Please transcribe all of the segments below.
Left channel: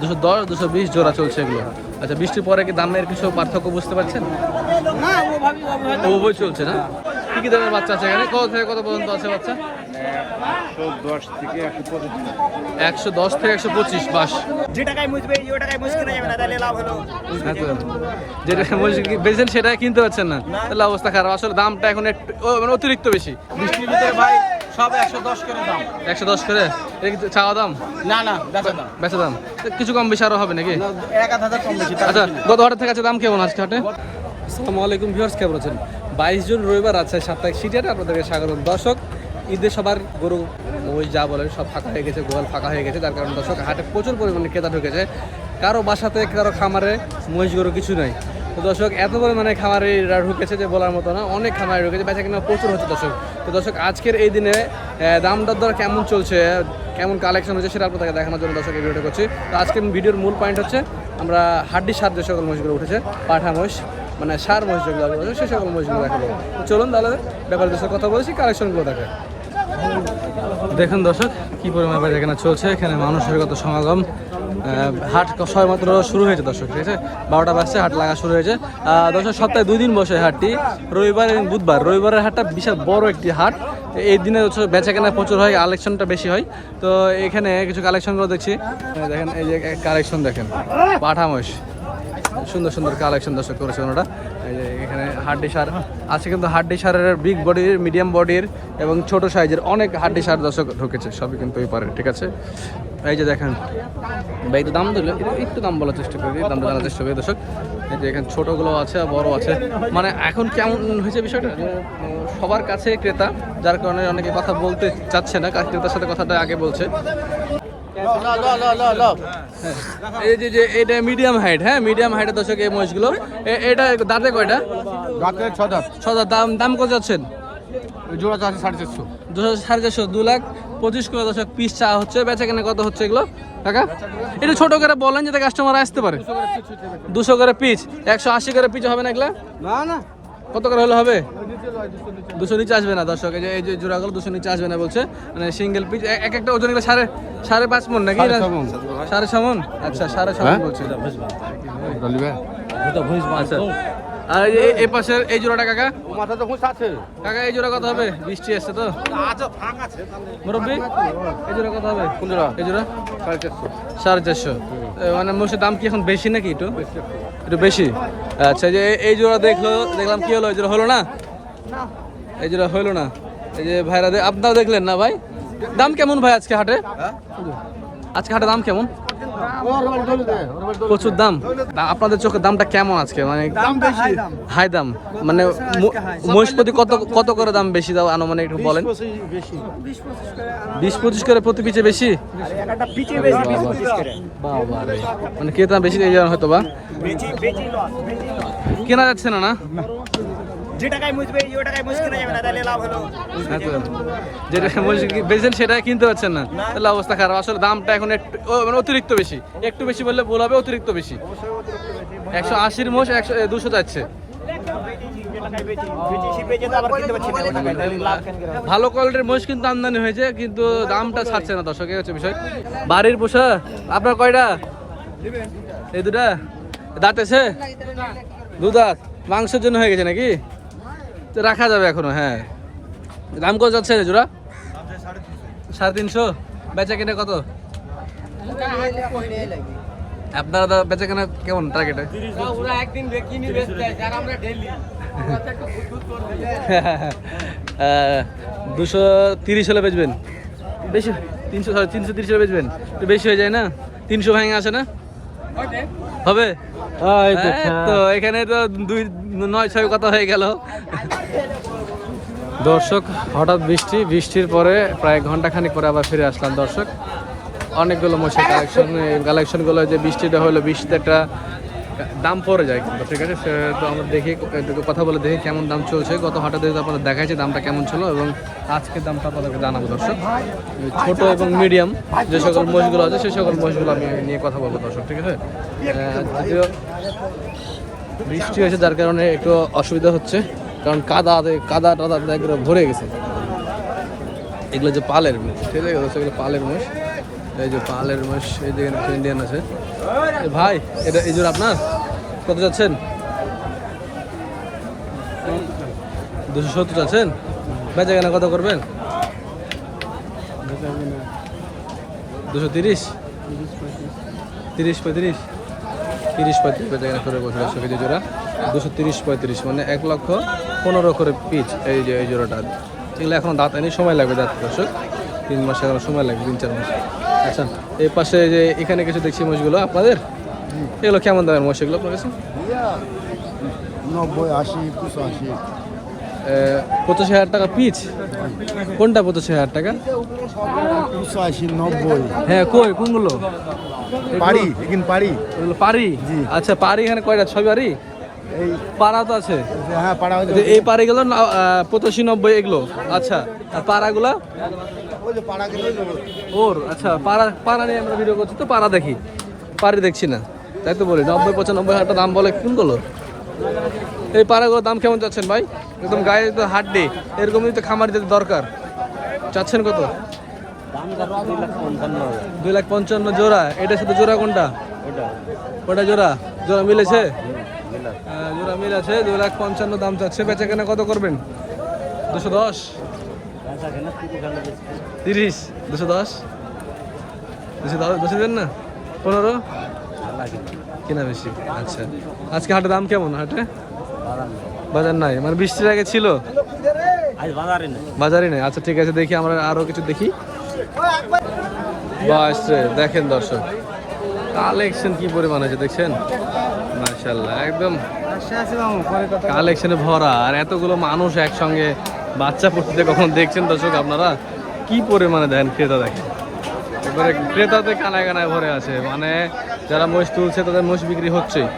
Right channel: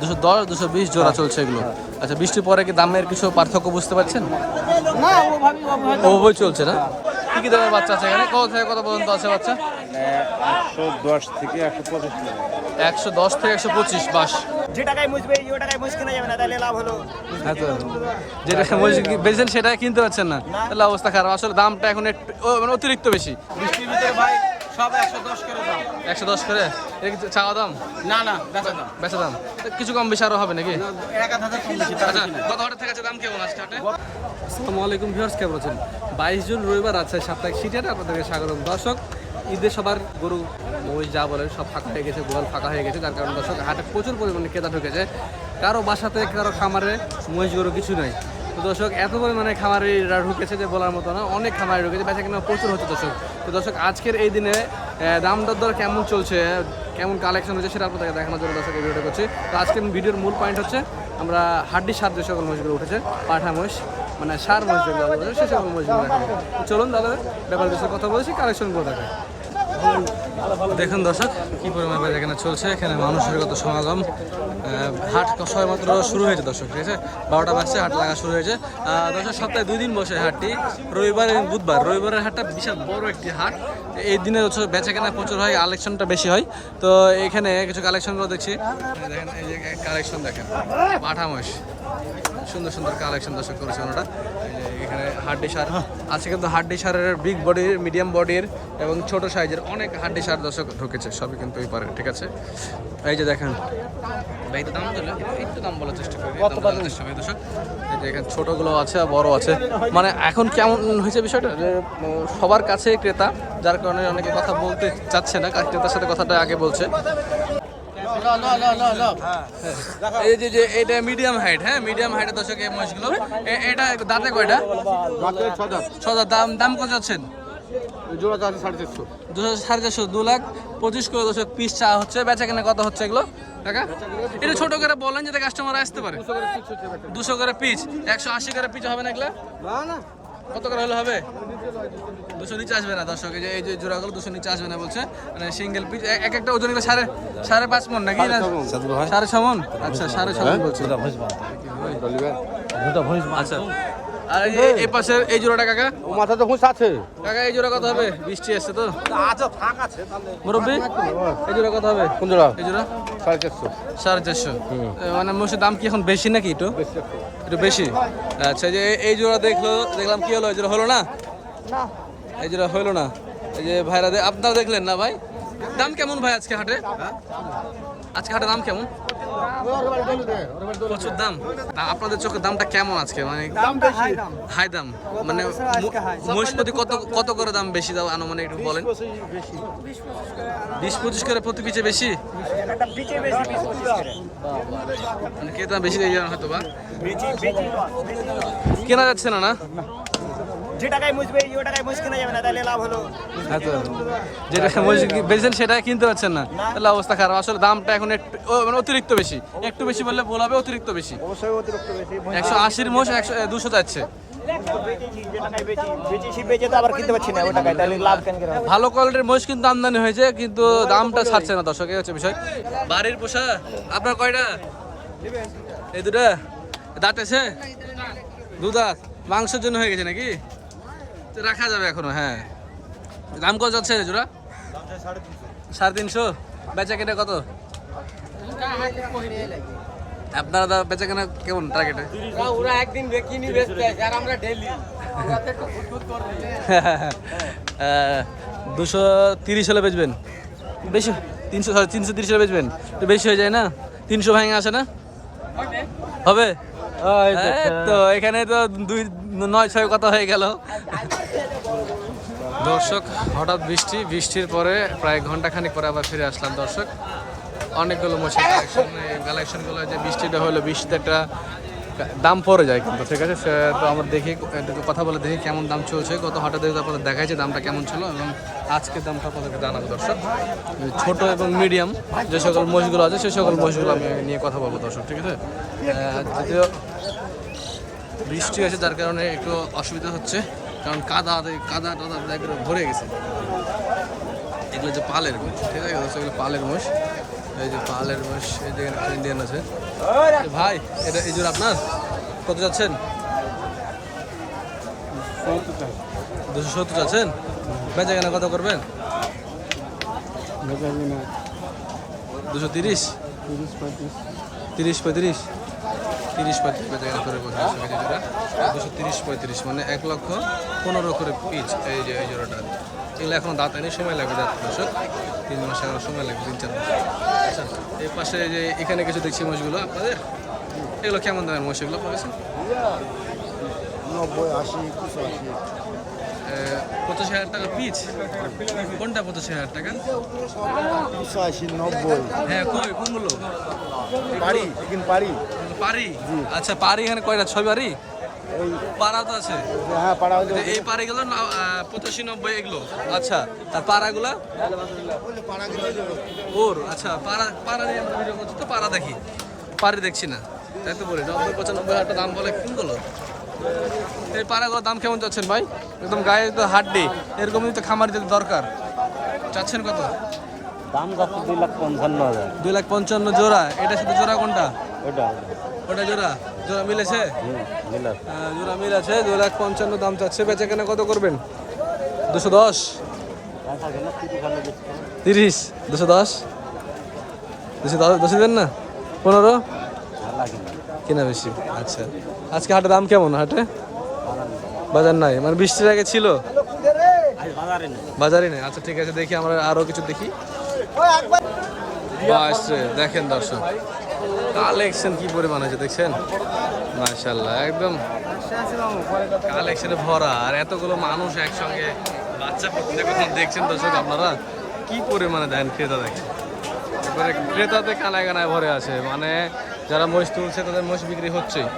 দুশো দশ দুশো বিশ জোড়া চলছে এগুলো। আচ্ছা বৃষ্টির পরে কি দামের কিছু পার্থক্য বুঝতে পারছেন? ওভাবে চলছে না? কি কি দামের বাচ্চা আছে এখানে? কত থেকে কত পর্যন্ত আছে বাচ্চা? একশো দশ থেকে একশো পঁচিশ বাস। যে টাকায় মুছবে ওই টাকায় মুছ কেনা যাবে না তাহলে লাভ হলো। হ্যাঁ তো। সেটা কিনতে পারছেন না। তাহলে অবস্থা খারাপ। আসলে দামটা এখন একটু মানে অতিরিক্ত বেশি। বৃষ্টির ভিতরে ভাই সব করে দাম। একশো দশ করে? এটা কি চাওয়া দাম? না না বেচা দাম। বেচা দাম। তো কিছু কম বেশি আরও হবে নাকি? না, কম বেশি আচ্ছা গত থেকে দাম কেমন আজকে হাটে? আসসালামু আলাইকুম ভিউয়ার্স কেমন আছেন? বাইশ জুন রবিবার আছে সাপ্তাহিক সিটিয়ারে আপনাদেরকে স্বাগতম। দর্শক ঈদের সবার গরু মহিষ যা বলেন সব ফাঁকা হয়ে গেছে গোয়াল ফাঁকা হয়ে গেছে যার কারণে দর্শক হাটে প্রচুর পরিমাণে ক্রেতা ঢুকেছে। কারও বাসাতে কারও খামারে মহিষ গরু কিছু নাই। তো দর্শক, এত পরিমাণে খামারিরা ঢুকেছে যে বলার মতো না, অনেক খামারি ঢুকেছে, বেচা কিনা প্রচুর হচ্ছে দর্শক। তো দর্শক, আজকের এই দিনে দাম দর কেমন চলছে, কেমন কালেকশন হচ্ছে সেটা আপনাদেরকে দেখানোর জন্য দর্শক এই ভিডিওটা করছি। তো আজকের ভিডিওর মূল পয়েন্ট হচ্ছে, আমরা হাড্ডি সার যে সকল মহিষগুলো উঠেছে, পাঠা মহিষ মানে সার মহিষ যেগুলো সে সকল মহিষগুলো দেখাবো। তো চলুন তাহলে, ব্যাপারে দেশের কথা বলেছি কালেকশনগুলো দেখে। দেখুন দর্শক, কি পরিমাণ বাজার এখানে চলছে, এখানে মানুষের কত সমাগম। হাট সবাই মাত্র শুরু হয়েছে, দর্শক, ঠিক আছে? বারোটা বাজছে, হাট লাগা শুরু হয়েছে। দর্শক, সপ্তাহে দুই দিন বসে হাটটি। রবিবার এবং বুধবার। রবিবারের হাটটা বিশাল বড় একটি হাট। এই দিনে হচ্ছে বেচা কেনা প্রচুর হয়, কালেকশনটা বেশি হয়। তো এখানে কিছু কালেকশনগুলো দেখছি। দেখেন, এই যে কালেকশন দেখেন। পাঠা মহিষ সুন্দর সুন্দর কালেকশন দর্শক করেছে ওনারা। এই যে এখানে হাড্ডি সার আছে, কিন্তু হাড্ডি সারের বিগ বডির মিডিয়াম বডির এবং ছোট সাইজের অনেক হাড্ডি সার দর্শক ঢুকেছে, সবই কিন্তু এই পারে, ঠিক আছে? এই যে দেখেন ভাই একটু দাম দিলে একটু- দাম বলার চেষ্টা করি দাম জানার চেষ্টা করি দর্শক এই যে এখানে ছোটগুলো আছে আর বড় আছে। মানে এখন কেমন হয়েছে বিষয়টা? যে সবার কাছে ক্রেতা যার কারণে অনেকে কথা বলতে চাচ্ছে না ক্রেতার সাথে কথাটা আগে বলছে। হ্যাঁ। এই যে যে এটা মিডিয়াম হাইট হ্যাঁ? মিডিয়াম হাইটের দর্শক এই মহিষগুলো। এ- এটা দাঁতে কয়টা? ছদা দাম দাম কত যাচ্ছেন? দুশো সাড়ে চারশো দু লাখ পঁচিশ করে দশক পিস চা হচ্ছে বেচা কেনা কত হচ্ছে এগুলো? টাকা এটা ছোট করে বলেন যাতে কাস্টমার আসতে পারে। দুশো করে পিস একশো আশি করে পিস হবে না এগুলা? না না। কত করে হলে হবে? দুশো নিচে আসবে না দর্শক এই যে এই যে জোড়াগুলো দুশো নিচে আসবে না বলছে। মানে সিঙ্গেল পিস এক একটা ওজন এগুলো সাড়ে সাড়ে পাঁচ মন নাকি? না সাড়ে ছ মন আচ্ছা সাড়ে ছ মন বলছে। আচ্ছা। আর এই এই পাশের এই জোড়াটা কাকা? মাথা তো হুঁশ আছে কাকা এই জোড়া কত হবে? বৃষ্টি আসছে তো? মুরব্বী এই জোড়া কত হবে? কোন জোড়া? এই জোড়া? সাড়ে চারশো। মানে মোষের দাম কি এখন বেশি নাকি একটু? একটু। বেশি? আচ্ছা যে এই- জোড়া দেখল দেখলাম কি হলো? এই জোড়া হলো না? এই জোড়া হলো না। এই যে ভাইরা আপনারা দেখলেন না ভাই? দাম কেমন ভাই আজকে হাটে? আজকে হাটে দাম কেমন? প্রচুর দাম। তা- আপনাদের চোখে দামটা কেমন আজকে? মানে হাই দাম। মানে ম- মহিষ প্রতি কত কত করে দাম বেশি দাও আনুমানিক একটু বলেন? বিশ পঁচিশ করে প্রতি পিছে বেশি? মানে ক্রেতা বেশি দিয়ে যান হয়তো বা কেনা যাচ্ছে না না? যে টাকায় মুছবে ওই টাকায় মুছ কেনা যাবে না তাহলে লাভ হলো। হ্যাঁ সেটা কিনতে পারছেন না? তাহলে অবস্থা খারাপ। আসলে দামটা এখন একটু মানে অতিরিক্ত বেশি। একটু বেশি বললে ভুল হবে অতিরিক্ত বেশি। একশো আশির মোষ একশো দুশো যাচ্ছে? ভালো কোয়ালিটির মোষ কিন্তু আমদানি হয়েছে কিন্তু দামটা ছাড়ছে না দর্শক হচ্ছে বিষয়। বাড়ির পোষা আপনার কয়টা? এই দুটা? দাঁত আছে? দু দাঁত মাংসের জন্য হয়ে গেছে নাকি? রাখা যাবে এখনও হ্যাঁ। দাম কত যাচ্ছে জোড়া? সাড়ে তিনশো। বেচা কেনা কত? আপনারা দা বেচা কেনা কেমন টার্গেটে দুশো তিরিশ হলে বেচবেন। বেশি তিনশো sorry, তিনশো তিরিশ হলে বেচবেন। তো বেশি হয়ে যায় না? তিনশো ভাঙে আসে না? হবে। তো এখানে তো দুই নয় ছয় কথা হয়ে গেল। দর্শক, হঠাৎ বৃষ্টি, বৃষ্টির পরে প্রায় ঘণ্টা খানিক পরে আবার ফিরে আসলাম। দর্শক, অনেকগুলো মশাই কালেকশন কালেকশনগুলো যে বৃষ্টিটা হলো, বৃষ্টিতে একটা দাম পড়ে যায় কিন্তু, ঠিক আছে? সে তো আমরা দেখি, একটু কথা বলে দেখি কেমন দাম চলছে। গত হঠাৎ আপনাদের দেখাইছে দামটা কেমন ছিল এবং আজকের দামটা আপনাদেরকে জানাব, দর্শক। ছোট এবং মিডিয়াম যে সকল মহিষগুলো আছে সেই সকল মহিষগুলো আমি নিয়ে কথা বলব, দর্শক, ঠিক আছে? যদিও বৃষ্টি হয়েছে, যার কারণে একটু অসুবিধা হচ্ছে। কারণ কাদা কাদা টাদা একবারে ভরে গেছে। এগুলো যে পালের মুখ ঠিক আছে এগুলো পালের মুখ এই যে পালের মোষ, এই যে এখানে ইন্ডিয়ান আছে। ভাই, এটা এই জোর আপনার? কত যাচ্ছেন? দুশো সত্তর যাচ্ছেন? বেচা কেনা কত করবেন? দুশো তিরিশ? তিরিশ পঁয়ত্রিশ। তিরিশ পঁয়ত্রিশ বেচা কেনা করে বসে দর্শক এই যে জোড়া। দুশো তিরিশ পঁয়ত্রিশ মানে এক লক্ষ পনেরো করে পিচ এই যে এই জোড়াটা। এগুলো এখন দাঁত এনে সময় লাগবে দাঁত দর্শক। তিন মাস এখনও সময় লাগবে তিন চার মাস। আচ্ছা এই পাশে যে এখানে কিছু দেখছি মোষগুলো আপনাদের? এগুলো কেমন দামের মোষ এগুলো আপনার কাছে? পঁচাশি হাজার টাকা পিচ? কোনটা পঁচাশি হাজার টাকা? হ্যাঁ কই কোনগুলো? পারি কিন্তু পারি এগুলো পারি আচ্ছা পারি এখানে কয়টা? ছয় পারি পাড়া তো আছে। হ্যাঁ এই পাড়িগুলো পঁচাশি নব্বই এগুলো। আচ্ছা আর পাড়াগুলা? পাড়া ওর আচ্ছা পাড়া পাড়া নিয়ে আমরা ভিডিও করছি তো পাড়া দেখি। পাড়ি দেখছি না। তাই তো বলি নব্বই পঁচানব্বই হাজার দাম বলে কোনগুলো এই পাড়াগুলোর দাম কেমন চাচ্ছেন ভাই? একদম গায়ে তো হাড্ডি। এরকমই তো খামার যেতে দরকার। চাচ্ছেন কত? দুই লাখ পঞ্চান্ন জোড়া। এটার সাথে জোড়া কোনটা? ওটা। জোড়া? জোড়া মিলেছে? মিলা হ্যাঁ, জোড়া মিল আছে দু লাখ পঞ্চান্ন দাম চাচ্ছে। বেচা কেনা কত করবেন? দুশো দশ? তিরিশ দুশো দশ? দুশো দশ দশে দেন না? পনেরো? কিনা বেশি। আচ্ছা। আজকে হাটের দাম কেমন হাটে? বাজার নাই। মানে বৃষ্টির আগে ছিল? বাজারে নেই। বাজারই নেই। আচ্ছা ঠিক আছে। দেখি আমরা আরও কিছু দেখি। রে, দেখেন দর্শক। কালেকশন কি পরিমাণ হয়েছে দেখছেন? মার্শাল্লাহ একদম কালেকশনে ভরা। আর এতগুলো মানুষ একসঙ্গে বাচ্চা পড়তে কখন দেখছেন দর্শক আপনারা? কি পরিমাণে দেখেন ক্রেতা দেখেন? এবারে ক্রেতাতে কানায় কানায় ভরে আছে। মানে যারা মহিষ তুলছে, তাদের মহিষ বিক্রি হচ্ছেই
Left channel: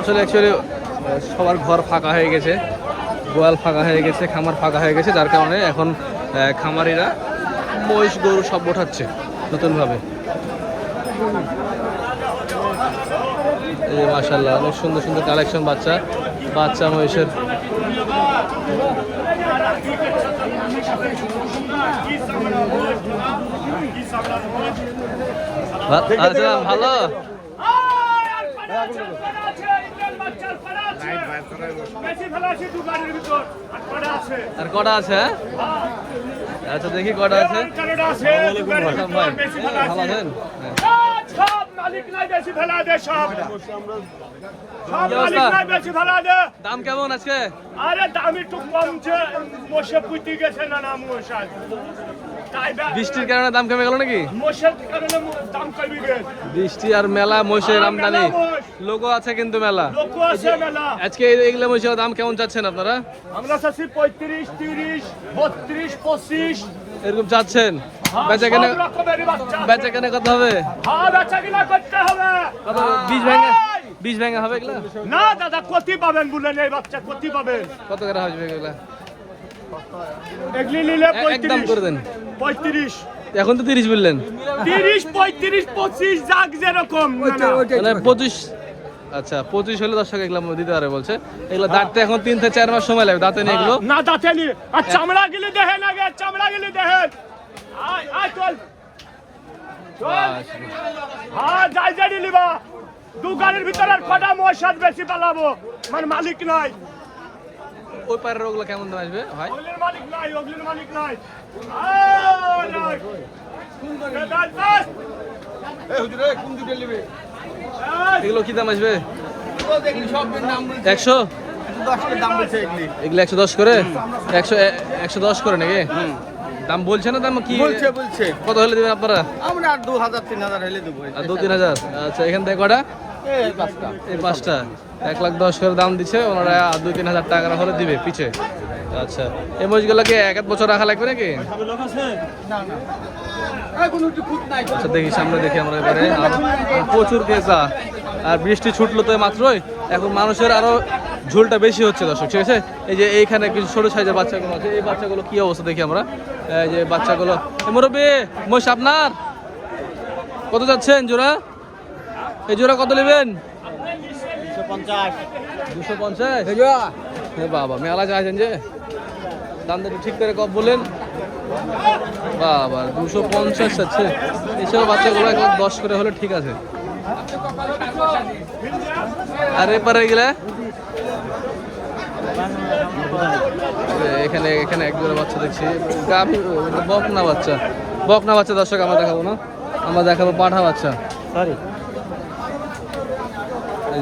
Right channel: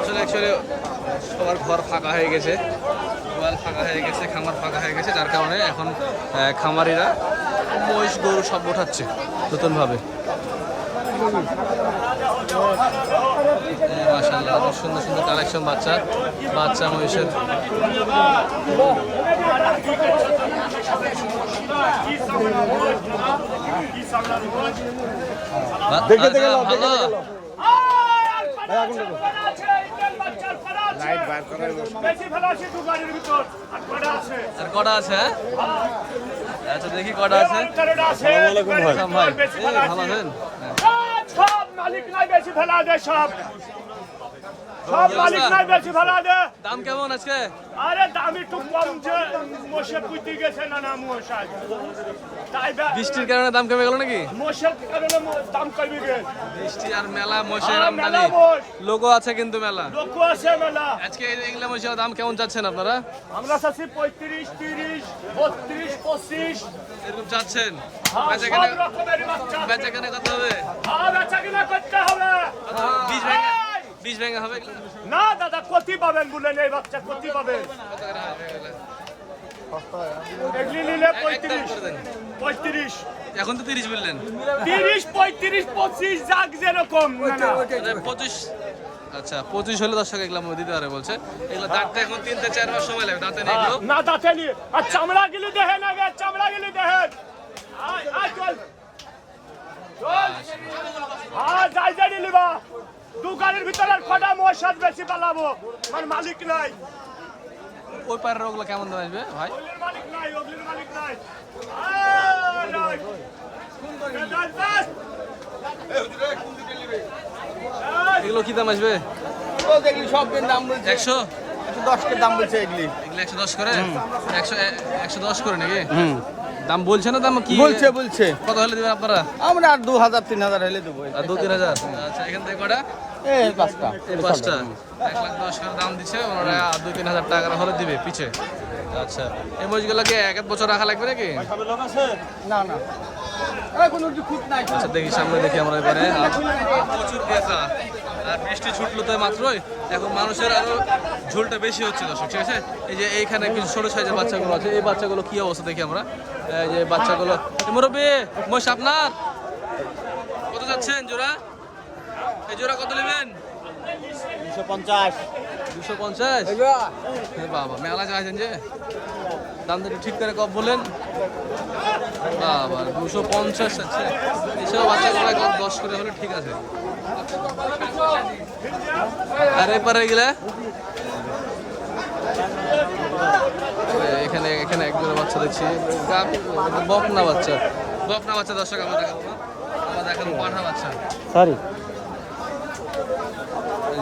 আসলে অ্যাকচুয়ালি সবার ঘর ফাঁকা হয়ে গেছে, গোয়াল ফাঁকা হয়ে গেছে, খামার ফাঁকা হয়ে গেছে। যার কারণে এখন খামারিরা মহিষ গরু সব ওঠাচ্ছে নতুনভাবে। এই যে মাশাল্লাহ অনেক সুন্দর সুন্দর কালেকশন বাচ্চা বাচ্চা মহিষের। আচ্ছা ভালো? কটা আছে? আর কটা আছে হ্যাঁ? আচ্ছা দেখি কটা আছে। ভালো আছেন? দাম কেমন আজকে? আরে দাম একটু কম যে মোষে পুঁতি গেছে না না মোষ আজ তাই বা- বৃষ্টির কারণে দাম কমে গেল নাকি? বৃষ্টি আর মেলা মহিষের আমদানি। লোগো আছে কিন্তু মেলা। আজকে এগুলো মহিষের দাম কেমন চাচ্ছেন আপনারা? আমরা চাচ্ছি পঁয়ত্রিশ তিরিশ বত্রিশ পঁচিশ। এরকম চাচ্ছেন? বেচা কেনে। বেচা কেনে কত হবে? হ্যাঁ বীজ ভেঙে বীজ ভেঙে হবে এগুলা? না দাদা ক্ষতি পাবেন কত করে হবে এগুলা? একদম পঁয়ত্রিশ। করে দেন। পঁয়ত্রিশ। এখন তো তিরিশ বললেন। তিরিশ পঁয়ত্রিশ পঁচিশ যাক যেরকম না না। পঁচিশ আচ্ছা পঁচিশ হলে দশ টাকা এগুলো দিতে পারে বলছে। এগুলো দাঁততে এখন তিন থেকে চার মাস সময় লাগবে দাঁতে নিয়ে এগুলো। না দাঁতে নি আর চামড়া গিলি দেখেন আগে চামড়া গিলি দেখেন। আয় আয় চল। বাস। যাই যাই নিবা। দোকানের ভিতরে কটা মশাদ বেশি পালাবো। মানে মালিক নাই। ওই পায়ের ওগুলো কেমন দাম আসবে? ভাই। এগুলো কি দাম আসবে? একশো? দাম বলছে এগুলো। একশো দশ করে? একশো একশো দশ করে নাকি? দাম বলছে না দাম কি? বলছে বলছে। কত হলে দিবেন আপনারা? আমরা আর দু হাজার তিন হাজার হলে দেবো। আর দু তিন হাজার? আচ্ছা এখান থেকে কটা? এই পাঁচটা। এক লাখ দশ করে দাম দিচ্ছে, ওনারা দুই তিন হাজার হলে দিবে পিছে। আচ্ছা। এই মহিষগুলোকে এক এক বছর রাখা লাগবে নাকি? আচ্ছা দেখি সামনে দেখি আমরা এবারে। আর প্রচুর আর বৃষ্টি ছুটলো তো মাত্রই। এখন মানুষের আরও ঝুলটা বেশি হচ্ছে, দর্শক। ঠিক আছে? এই যে এইখানে কিছু ছোট সাইজের বাচ্চাগুলো আছে। এই বাচ্চাগুলো কি অবস্থা দেখি আমরা। এই যে বাচ্চাগুলো। মুরব্বী, মহিষ আপনার? কত যাচ্ছেন জোড়া? এই জোড়া কত নেবেন? দুশো পঞ্চাশ। হ্যাঁ বাবা মেলা চাইছেন যে? দামটা একটু ঠিক করে কব বলেন। বাবা দুশো পঞ্চাশ আছে। এইসব বাচ্চাগুলো এক লাখ দশ করে হলে ঠিক আছে। আর এপারে গেলে এখানে এখানে এক জোড়া বাচ্চা দেখছি। গাভী বকনা বাচ্চা। বকনা বাচ্চা দর্শক আমরা দেখাবো না। আমরা দেখাবো পাঠা বাচ্চা। সরি এই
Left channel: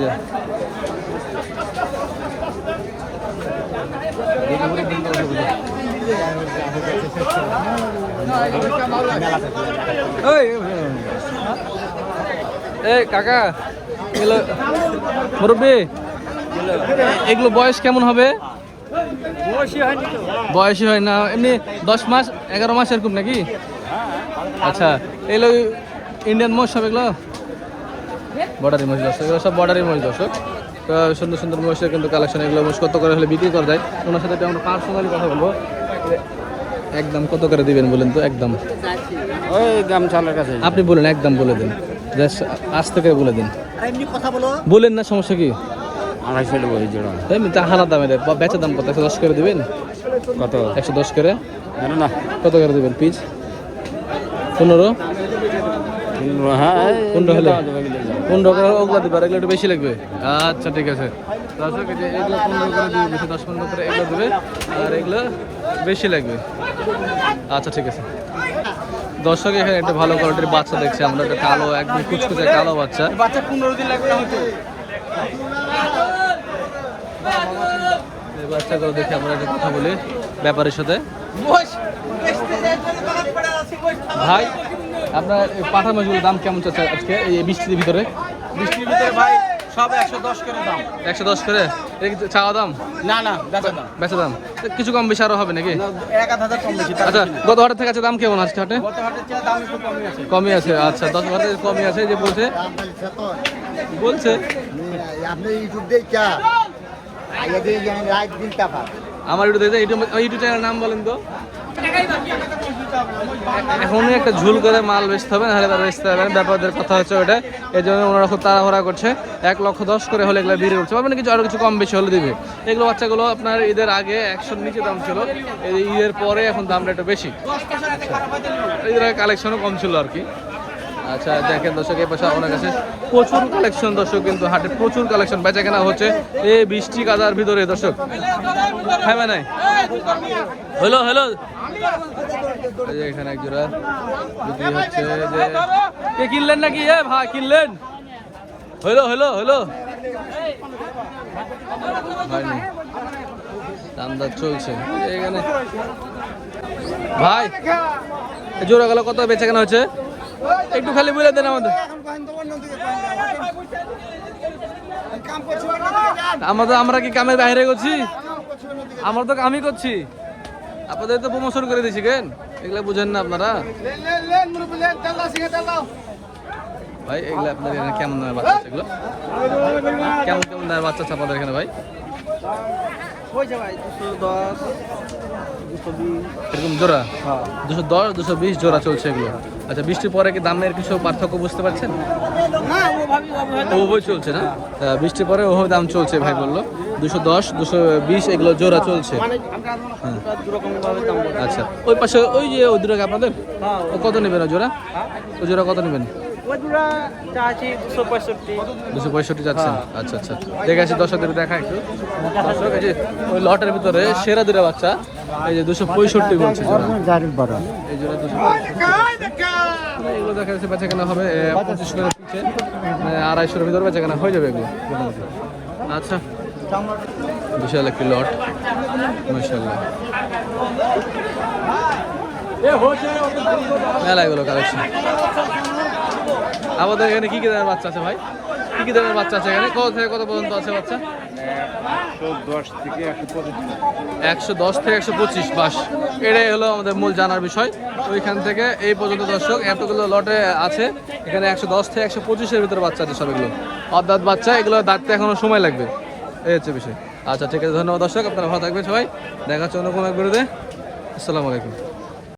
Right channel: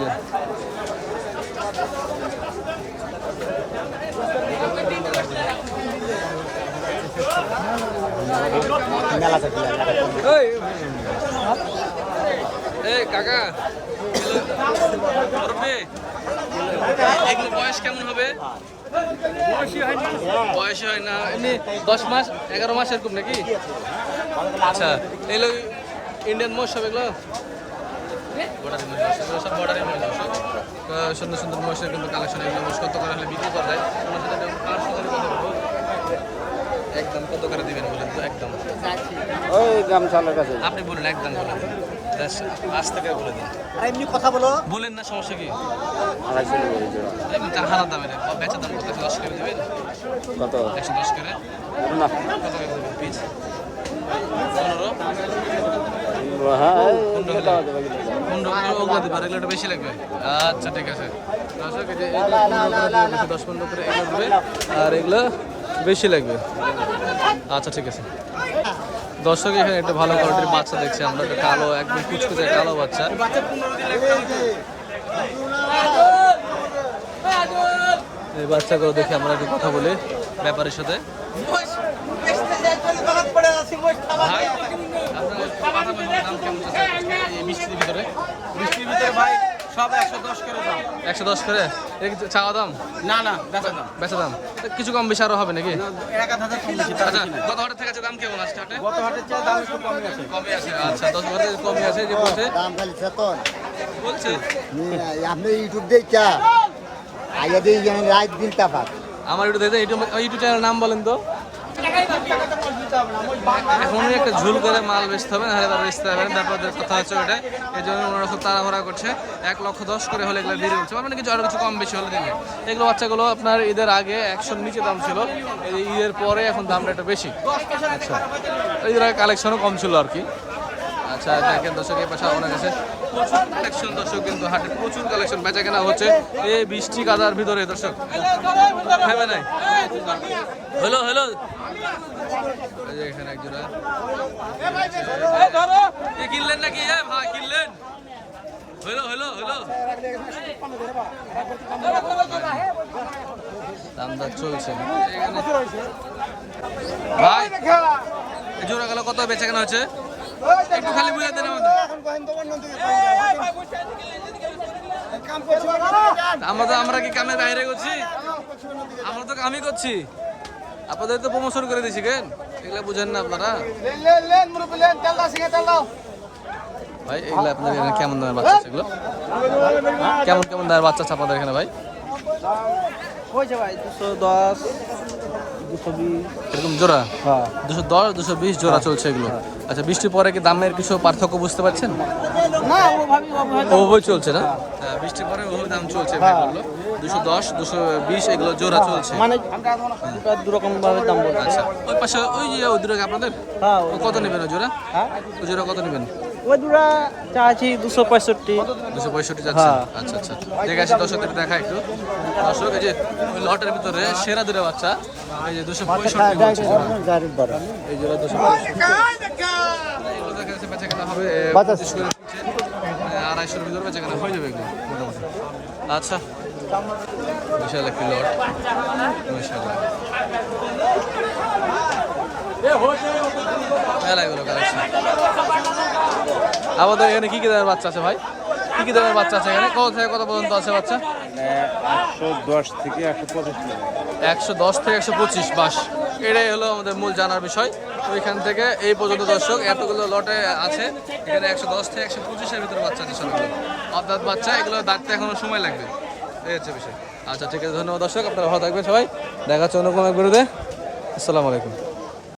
এই কাকা এগুলো মুরব্বী এগুলো বয়স কেমন হবে? বয়সই হয় না এমনি দশ মাস এগারো মাস এরকম নাকি? আচ্ছা এগুলো ইন্ডিয়ান মোষ সব এগুলো? বর্ডারি মহিষ দর্শক এগুলো সব বর্ডারি মহিষ দর্শক তো সুন্দর সুন্দর মহিষের কিন্তু কালেকশন এগুলো মহিষ কত করে হলে বিক্রি করা যায়? ওনার সাথে আমরা পার্সোনালি কথা বলব। একদম কত করে দিবেন বলেন তো? একদম। আপনি বলেন একদম বলে দিন। জাস্ট আজ থেকে বলে দিন। এমনি কথা বলো। বলেন না সমস্যা কি? হানা দামের বেচা দাম কত? একশো দশ করে দেবেন? একশো দশ করে? কত করে দেবেন পিস পনেরো? পনেরো হলে? পনেরো করে ওগুলো দিবে আর এগুলো একটু বেশি লাগবে। আচ্ছা ঠিক আছে। দর্শক এই যে এগুলো পনেরো করে দিবে বেশি দশ পনেরো করে এগুলো দিবে আর এগুলো বেশি লাগবে। আচ্ছা ঠিক আছে। দর্শক এখানে একটা ভালো কোয়ালিটির বাচ্চা দেখছি আমরা একটা কালো একদম কুচকুচে কালো বাচ্চা। বাচ্চা পনেরো দিন হতে এই বাচ্চাগুলো দেখে আমরা একটু কথা বলি ব্যাপারের সাথে। ভাই আপনার পাঠা মাছগুলোর দাম কেমন চলছে আজকে এই বৃষ্টির ভিতরে? বৃষ্টির ভিতরে ভাই সব একশো দশ করে দাম। একশো দশ করে? চাওয়া দাম? না না বেচা দাম। বেচা দাম। তো কিছু কম বেশি আরও হবে নাকি? এক আধ হাজার কম বেশি আচ্ছা গত হাটের থেকে আছে দাম কেমন আছে হাটে? গত হাটের চেয়ে দাম একটু কমই আছে। কমই আছে আচ্ছা দশ হাটের কমই আছে যে বলছে। বলছে। আপনি ইউটিউব দিয়ে আমার ইউটিউব ইউটিউব চ্যানেল নাম বলেন তো। এখনই একটা ঝুল করে মাল বেচতে হবে, নাহলে তারা বেচতে হবে ব্যাপারদের কথা হচ্ছে ওটা এই জন্য ওনারা খুব তাড়াহুড়া করছে। এক লক্ষ দশ করে হলে এগুলো বিক্রি উঠছে। মানে কিছু আরও কিছু কম বেশি হলে দিবে। এগুলো বাচ্চাগুলো আপনার ঈদের আগে একশোর নিচে দাম ছিল। এই ঈদের পরে এখন দামটা একটু বেশি। ঈদের আগে কালেকশনও কম ছিল আর কি। আচ্ছা দেখেন দর্শক, এই পাশে আপনার কাছে প্রচুর কালেকশন দর্শক, কিন্তু হাটে প্রচুর কালেকশন বেচা কেনা হচ্ছে এই বৃষ্টি কাদার ভিতরে দর্শক। হ্যাঁ নাই? Hello hello. এই যে এখানে এক জোড়া বিক্রি হচ্ছে যে কে কিনলেন নাকি? এ ভাই কিনলেন? হইল হইল হইল। হয়নি। চলছে। এখানে ভাই এই জোড়া গেল কত? বেচে কেনা হচ্ছে? একটু খালি বুঝে দেন আমাদের। আমরা তো আমরা কি কামের বাইরে করছি? আমরা তো কামই করছি। আপনাদের তো প্রমোশন করে দিছি কেন? এগুলা বুঝেন না আপনারা। ভাই এগুলো আপনাদের এখানে কেমন দামের বাচ্চা এগুলো? কেমন কেমন দামের বাচ্চা আছে আপনাদের এখানে ভাই? এরকম জোড়া? দুশো দশ দুশো বিশ জোড়া চলছে এগুলো। আচ্ছা বৃষ্টির পরে কি দামের কিছু পার্থক্য বুঝতে পারছেন? ওভাবে চলছে না? বৃষ্টির পরে ওভাবে দাম চলছে ভাই বলল। দুশো দশ দুশো বিশ এগুলো জোড়া চলছে। হ্যাঁ। আচ্ছা ওই পাশে ওই যে ওই দূরে আপনাদের? ও কত নেবেন ওই জোড়া? ওই জোড়া কত নেবেন? দুরা দুশো পঁয়ষট্টি। যাচ্ছেন। আচ্ছা আচ্ছা দেখে আসি দর্শকদের দেখা একটু। দর্শক এই যে ওই লটের ভিতরে সেরা দুটো বাচ্চা। এই যে দুশো পঁয়ষট্টি বলছে জোড়া। এই জোড়া দুশো পঁয়ষট্টি। এগুলো দেখা যাচ্ছে বেচা কেনা হবে পঁচিশ করে আড়াইশোর ভিতরে বেচা কেনা হয়ে যাবে এগুলো মোটামুটি। আচ্ছা। বিশাল একটি লট। মাশাআল্লাহ। মেলা কালেকশন আমাদের এখানে কি কি দামের বাচ্চা আছে ভাই? কি কি দামের বাচ্চা আছে এখানে? কত থেকে কত পর্যন্ত আছে বাচ্চা? একশো দশ থেকে একশো পঁচিশ। বাস, এটাই হলো আমাদের মূল জানার বিষয়। ওইখান থেকে এই পর্যন্ত দর্শক, এতগুলো লটে আছে। এখানে একশো দশ থেকে একশো পঁচিশের ভিতরে বাচ্চা আছে সবগুলো। অর্ধাৎ বাচ্চা, এগুলো দাঁড়তে এখনও সময় লাগবে। এই হচ্ছে বিষয়। আচ্ছা ঠিক আছে, ধন্যবাদ দর্শক, আপনারা ভালো থাকবেন সবাই। দেখা হচ্ছে অন্য কোনো এক বিরুদ্ধে আসসালামু আলাইকুম।